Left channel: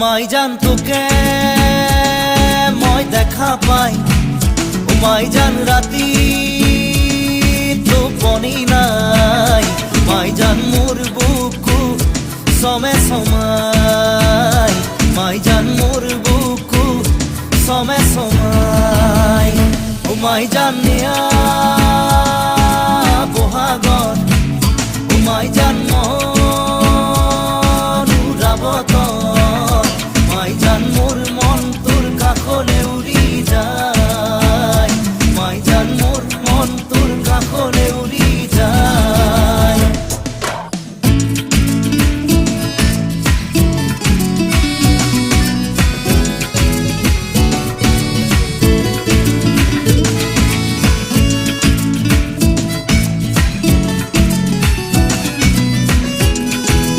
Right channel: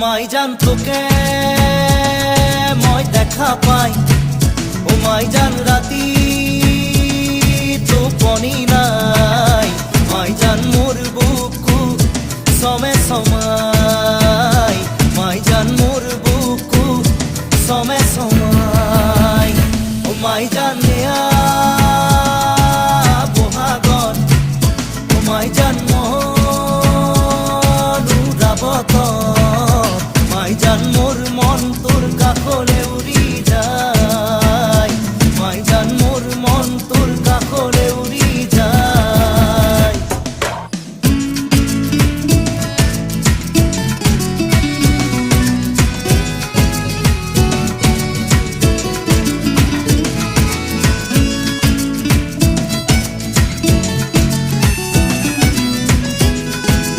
মাই জান তোকে মই দেখা পাই, ও মাই জান রাতি টোপনি নাই, মাই জান মোর বুকু সমে সমাই, মাই জান মোর বুকু সমে সমাই। ও মাই জান নেয়া বহাগর, ও মাই জান